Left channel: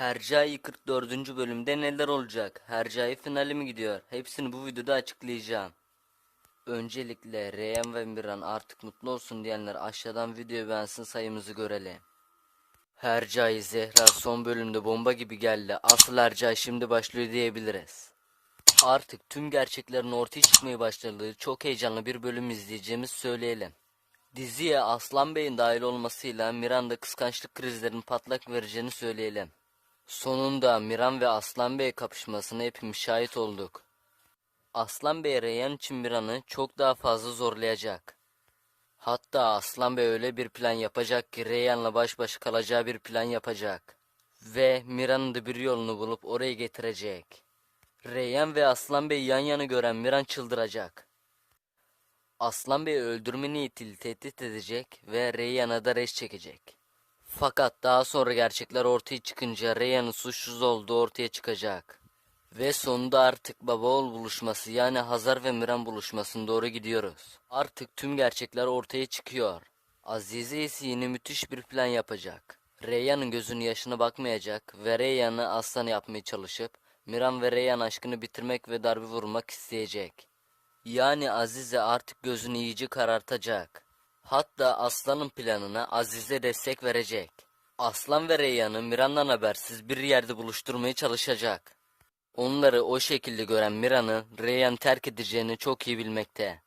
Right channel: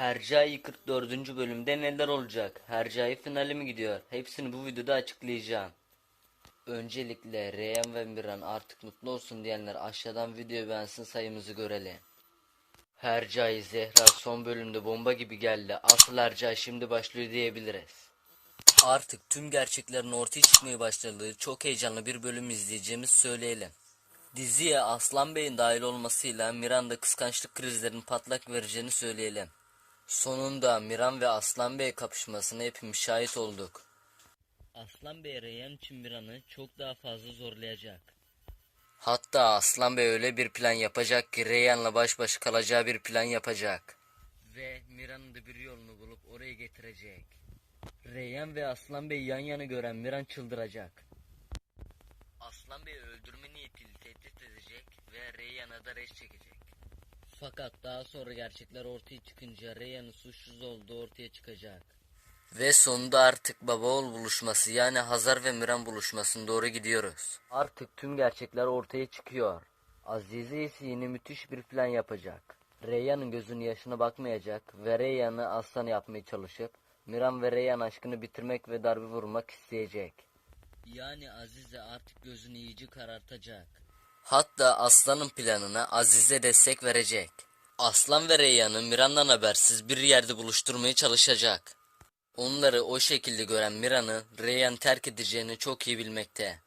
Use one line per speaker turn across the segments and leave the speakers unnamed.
Hercai 44. bölümde neler olacak? Hercai finali mi gidiyor? Hepsini bu videoda açıklayacağım. Öncelikle Reyhan ve Miran artık mutlu olsun diyenler aşağıdan videoyu beğensin sayımızı görelim. Hercai Zehra son bölümde bomba gibi geldi. Asıl Hercai şimdi başlıyor diyebiliriz. Artık tüm gerçeklerin ortaya çıkmaya başladığı çok heyecanlı bir bölüm izleyeceğimiz söyleyelim. Diziye Aslan Bey'in dahil olmasıyla Miran'da kıskançlık krizlerinin patlak vereceğini söyleyelim. Sonunda Miran ve Aslan Bey kapışmasına hepimiz şahit olduk. Aslan Bey Reyhan için Miran'ı çok daha fazla zorlayacak. Hatta Aslan Bey öyle bir plan yapacak ki Reyhan'la baş başa kalacağı bir plan yapacak. Ve Miran'ın da bir yolunu bulup oraya getirecek. Reyhan ve Aslan Bey yan yana gören Miran çıldıracak. Aslan Bey'i öldürme niyetiyle tehdit edecek ve Reyhan'a da reş çekecek. Fakat daha sonra gerçekler ortaya çıkınca Reyhan'ın suçsuz olduğu ortaya çıkacak. Ve sonunda artık baba oğul buluşması yani Hazar ve Miran buluşmasına doğru gidiyoruz. Artık tüm gerçekler ortaya çıkıyor. Azize ise yine müthiş bir plan yapacak. Reyhan'ın gözünün yaşına bakmayacak ve Reyhan'ı aslan yapmaya çalışıp Miran ve Reyhan aşkını bitirmek ve darbe vurmak isteyecek. Yani Azize artık gözünü iyice karartacak. Hatta Aslan'ın planına Azize destek verecek. Aslan ve Reyhan'ı Miran'dan habersiz bir yerde buluşturmaya çalışacak. Onları o şekilde gören Miran'ı Reyhan terk edeceğini çok iyi bilmekte.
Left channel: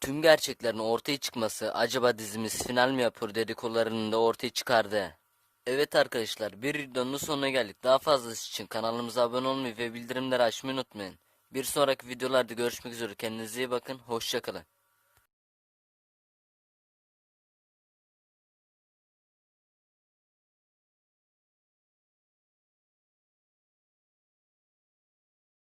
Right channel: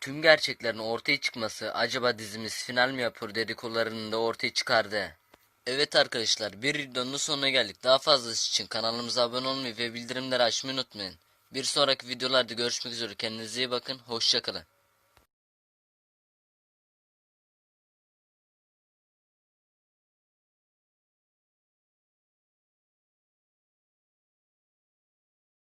Tüm gerçeklerin ortaya çıkması acaba dizimiz final mi yapıyor dedikodularını da ortaya çıkardı. Evet arkadaşlar bir videonun sonuna geldik. Daha fazlası için kanalımıza abone olmayı ve bildirimleri açmayı unutmayın. Bir sonraki videolarda görüşmek üzere. Kendinize iyi bakın. Hoşçakalın.